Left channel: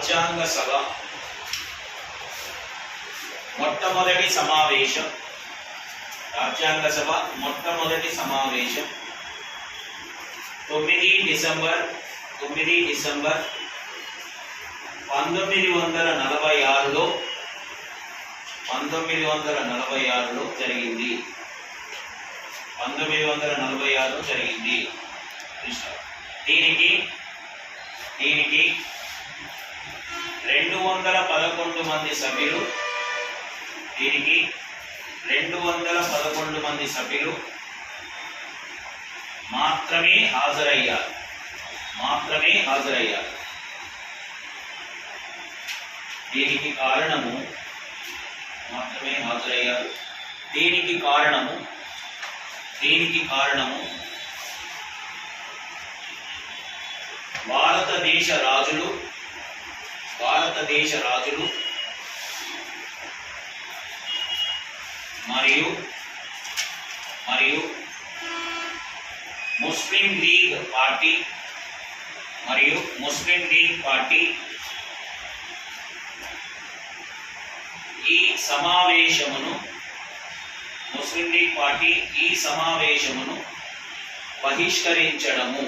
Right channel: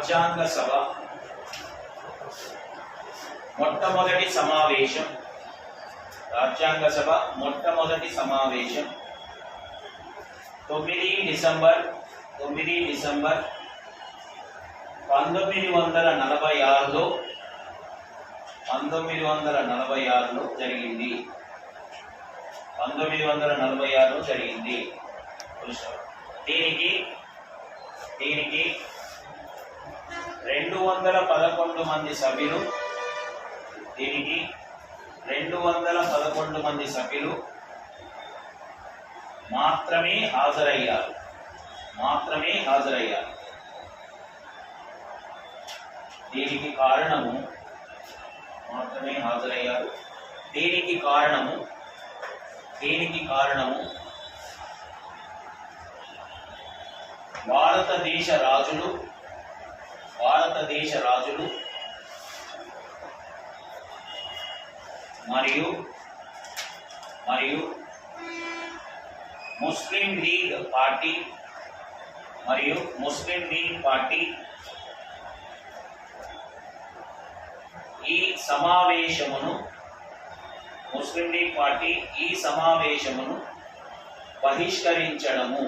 రాజ్యాంగ సభ మొట్టమొదటి సమావేశం, రాజ్యాంగ సభ మొట్టమొదటి సమావేశం 9 డిసెంబర్ 1946లో జరిగింది. 1946లో జరిగింది. దీనికి 211 మంది సభ్యులు, దీనికి 211 మంది సభ్యులు మాత్రమే హాజరయ్యారు. దీనికి కారణము మాత్రమే హాజరయ్యారు. దీనికి కారణము భారతదేశ రాజులు మరియు ముస్లిం లీగ్ పార్టీ ఈ సమావేశమును బహిష్కరించడము